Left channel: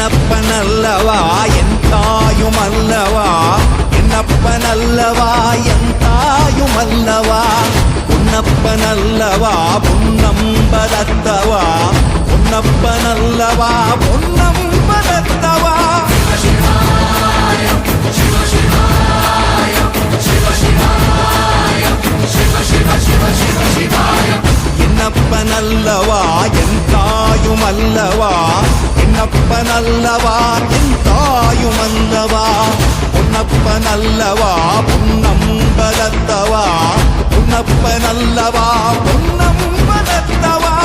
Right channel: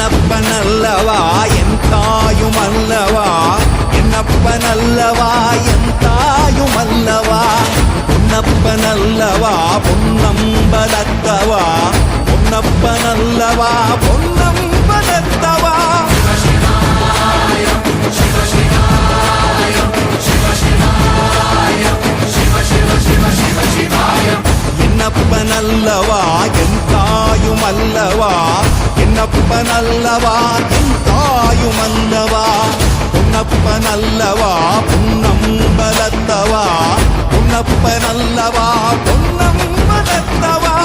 என்னப்பனல்லவா என் தாயுமல்லவா, என்னப்பனல்லவா என் தாயுமல்லவா, பொன்னப்பனல்லவா பொன்னம்பலத்தவா, பொன்னப்பனல்லவா பொன்னம்பலத்தவா. என்னப்பனல்லவா என் தாயுமல்லவா, என்னப்பனல்லவா என் தாயுமல்லவா, பொன்னப்பனல்லவா பொன்னம்பலத்தவா, பொன்னப்பனல்லவா பொன்னம்பலத்தவா.